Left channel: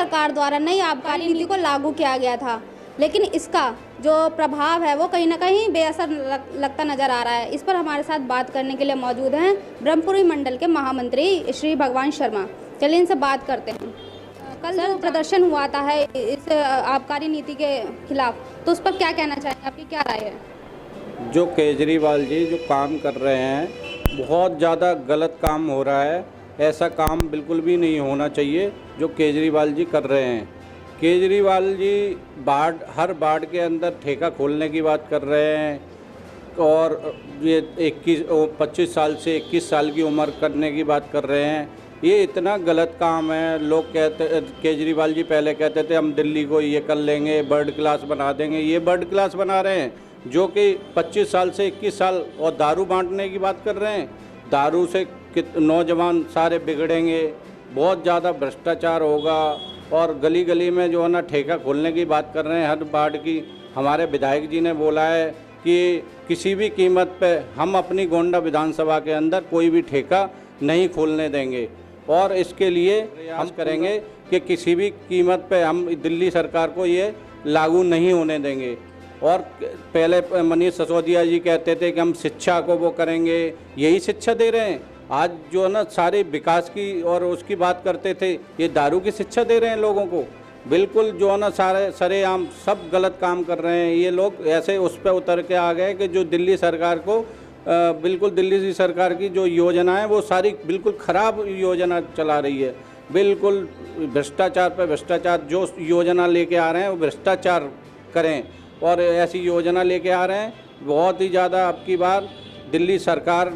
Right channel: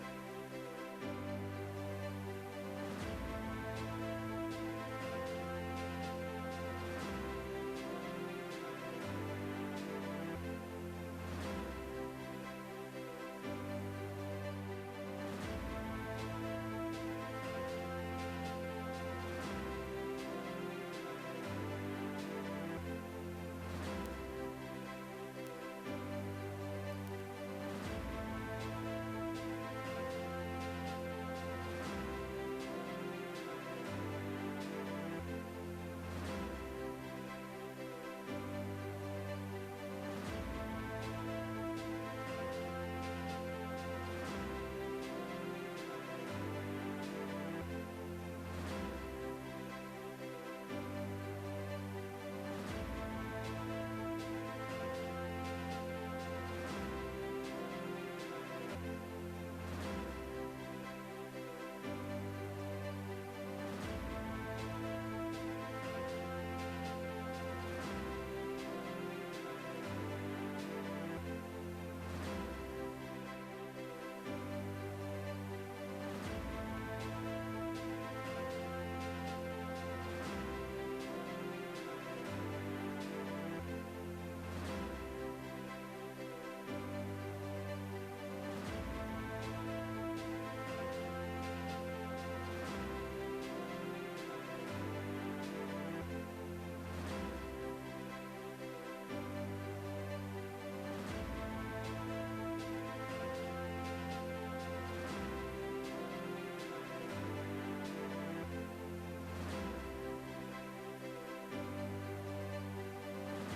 सरकार द्वारा नई आबकारी नीति को लागू किया गया था, लेकिन इसका जो प्रभाव है वो कहीं ना कहीं बेअसर लगता नजर आ रहा है। इस पर हमारे साथ बात करने के लिए मौजूद हैं ब्रह्मपुरी मंडल के महामंत्री श्री भगवान शर्मा। चलिए इनसे बात करते हैं। कल जो प्रदर्शन हुआ था है इस आबकारी नीति के खिलाफ, तो उस पर क्या कहना चाहेंगे, आपकी क्या राय है? जो केजरीवाल जी जो काम कर रहे हैं बहुत ज़्यादा गलत काम हो रहा है। ऐसा काम बिल्कुल भी नहीं होना चाहिए जो केजरीवाल जी कर रहे हैं। केजरीवाल जी हर वार्ड के अंदर ठेका खोलने की बात कर रहे हैं और ये 25 साल से 21 साल की उम्र करने की बात कर रहे हैं। ये इतना गलत काम है। लोग कहते, केजरीवाल जी पहले कहते थे हम दिल्ली को ये कर लेंगे, बर्ड क्लास बना देंगे। ये बर्ड क्लास बना रहे हैं जो कि 25 साल से 21 साल। और दारू बांटने की बात कर रहे हैं। दारू से नौजवान सारे बिगड़ेंगे, बहुत ज़्यादा भ्रष्टाचार होगा। और गली गली में जो है ना ठेका खोलने की बात कर रहे हैं हर वार्ड की। हमारे विधायक जी ने बोला है कि किसी भी कीमत पे हम अपनी गोंडा विधानसभा के अंदर कोई भी ठेका नहीं खोलने देंगे और इसके लिए हम करेंगे कि किसी भी कीमत पे हम दिल्ली सरकार को ये लागू नहीं होने देंगे। और पहले मनीष सिसोदिया जी कहते थे कि हम शिक्षा को वो करेंगे, यही शिक्षा दे रहे हैं। आज जो है ना सारे विकास की और उसकी बात करते थे, ये दारू की शिक्षा दे रहे हैं लोगों को। बिल्कुल जो है ना सारे सरेआम सब गलत काम कर रहे हैं। ये लोग ऐसे उस पर उतर के आ गए कि जो दिल्ली सरकार को बिल्कुल दिल्ली सरकार की जो योजना है वो सारी बिल्कुल ख़राब योजना चला रही है। बिल्कुल भ्रष्टाचार पर भ्रष्टाचार। जो योजना लेके आ रहे हैं वो भ्रष्टाचार करें और ऐसी योजना लेके आ रहे हैं। बहुत ही ज़्यादा अब की बार दिल्ली सरकार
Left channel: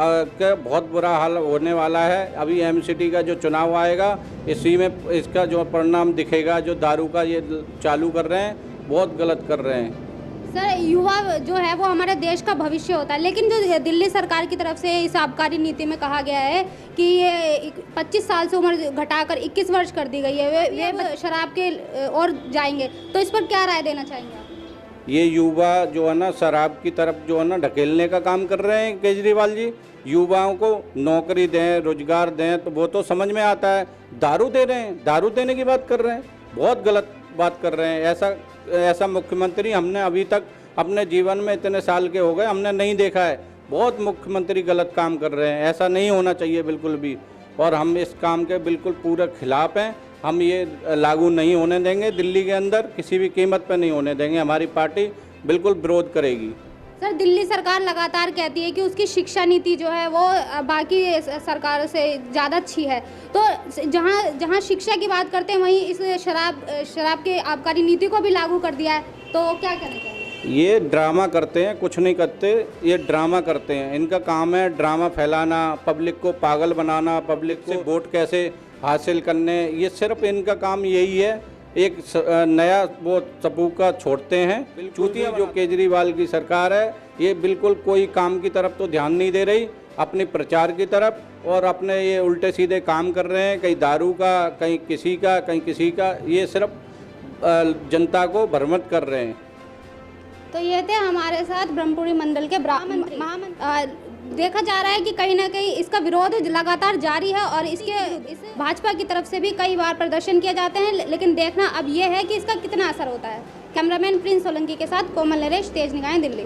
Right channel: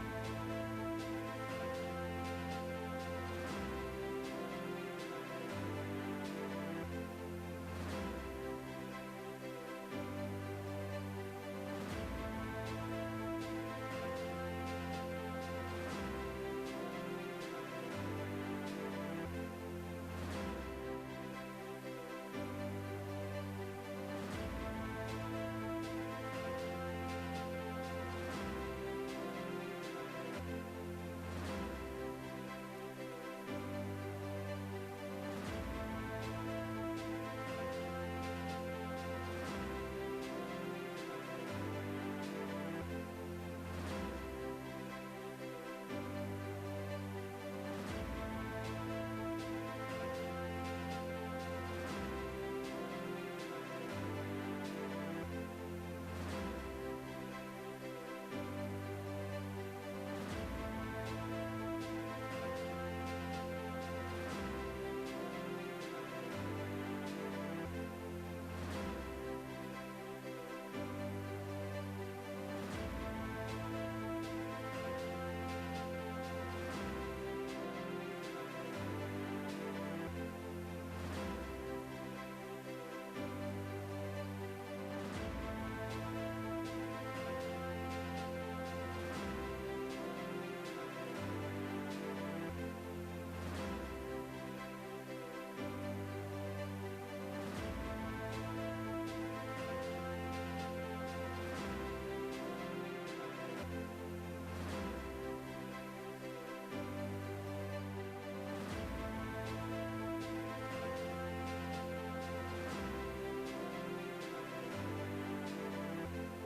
का बहुत बुरा हाल होने वाला है। अभी एमसीडी का जो चुनाव आएगा इसी में इसका जो परिणाम दिखेगा। जो दारू का ये चालू कर रहे हैं बहुत गलत कर रहे हैं। सर, युवा जो है वो हमारे देश का भविष्य होता है, लेकिन जो दिल्ली सरकार की तरफ से इस आबकारी नीति में कहा गया है कि ये 25 साल से उम्र घटाकर 21 वर्ष कर दी गई है, वे शराब के और जाएंगे, तो इस पर क्या राय देना चाहेंगे? ये युवा जो है ना शराब की तरफ जो है ना ढकेलने का काम कर रहे हैं केजरीवाल जी। युवाओं को नौकरी दें, रोजगार दें तो वो तो समझ में आता है। दारू दे रहे हैं, दारू देने की बात कर रहे हैं, बहुत गलत बात कर रहे हैं। ऐसा मुख्यमंत्री हमने अभी तक अपने जीवन में इतने साल के हो गए हमने नहीं देखा है। बहुत मुख्यमंत्री गलत काम कर रहे हैं, ऐसा नहीं होना चाहिए बिल्कुल भी। और हम इस काम के बिल्कुल पूरे खिलाफ हैं। हम ये लागू नहीं होने देंगे दिल्ली के अंदर, किसी भी कीमत पर नहीं होने देंगे। हमारी पार्टी बिल्कुल विरोध करेगी। सर, दिल्ली सरकार लगातार कहती है कि उसकी शिक्षा नीति जो है वो बाकी सरकारों से ज़्यादा अच्छी है, तो जहां शिक्षा की बात करते हैं वहीं इस शराब के आबकारी नीति को भी लागू कर दिया है, तो क्या कहना चाहिए? ये ड्रामा करते हैं, कुछ नहीं करते। ये ड्रामा करते हैं, इनका काम है ड्रामा फैलाना, पब्लिक को पागल बनाना, पब्लिक से वोट कैसे हासिल करने। ये सिर्फ इनका काम यही है। एक नया वो सबूका छोड़ते हैं। चूतिया जो केजरीवाल की सरकार है ये बिल्कुल कोई काम की तरफ तो ध्यान नहीं दे रही, अपने प्रचार की तरफ, और अपने ये उल्टे सीधे काम कर रहे हैं। कहीं दारू का, कहीं किसी का, कहीं किसी का। ये सिर्फ जनता को भ्रमित कर रहे हैं। तो ये थे हमारे साथ ब्रह्मपुरी मंडल के महामंत्री। देखा जा रहा है कि कहीं ना कहीं इसका विरोध लगातार जारी है और इसके भाजपा की तरफ से भी कई बार प्रदर्शन किए जाते हैं, लेकिन देखना अब ये है कि इसका कितना असर होता है। कैमरामैन प्रिंस सोलंकी के साथ कोमल नरेश, तेज निगाहें, दिल्ली।